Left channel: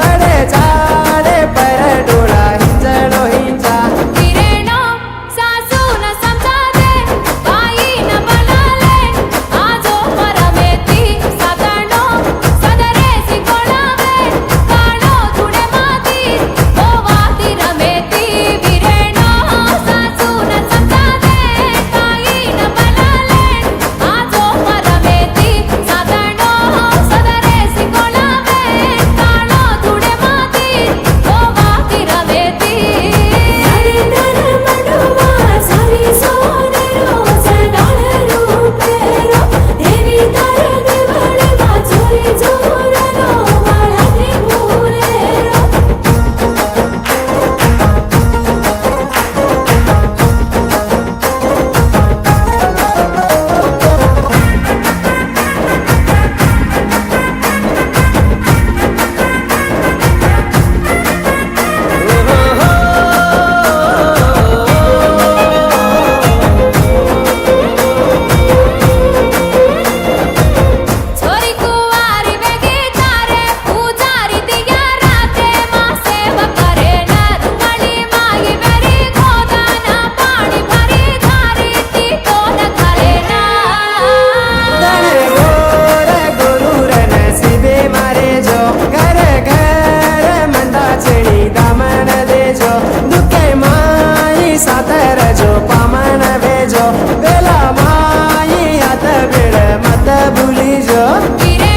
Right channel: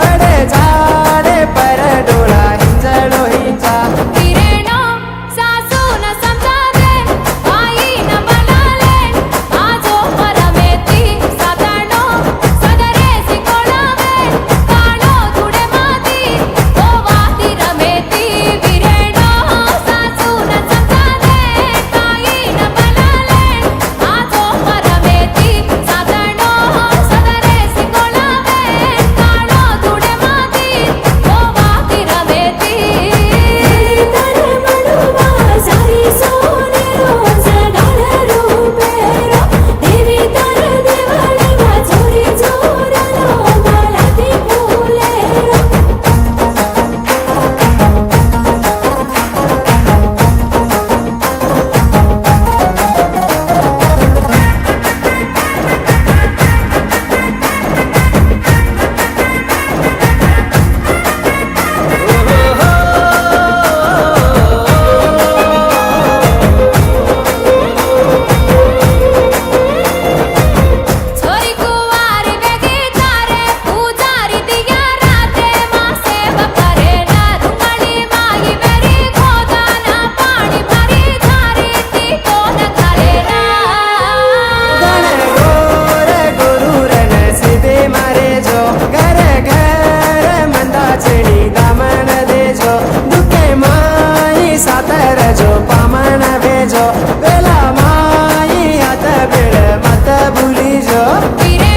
बड़े झाडे पर डोळा हिंजळो हिंचा वीरेनो सासू न समजावे बाई न बनाले आजो परमेती सातानो सदरे सिकोळावे काळो धुडे माती गोवाती रमेती वीरेनो सासू न समजावे बाई न बनाले आजो परमेती सातानो सदरे सिकोळावे काळो धुडे माती गोवाती रमेती छोरी कुवारी वेगी तारे पुजारी दिया राते माँ सेवा करे न रुंगली माई बेरी खोदाना पाणी भरी झारी ती तो न खाले ना गण गोर गुरुर नसीबे मारे जो घर घर मंदाचणी दामन देजो दुखे माई सातर जो पामन भेजो बेला माई हात बेळ मत भुली जो वीरे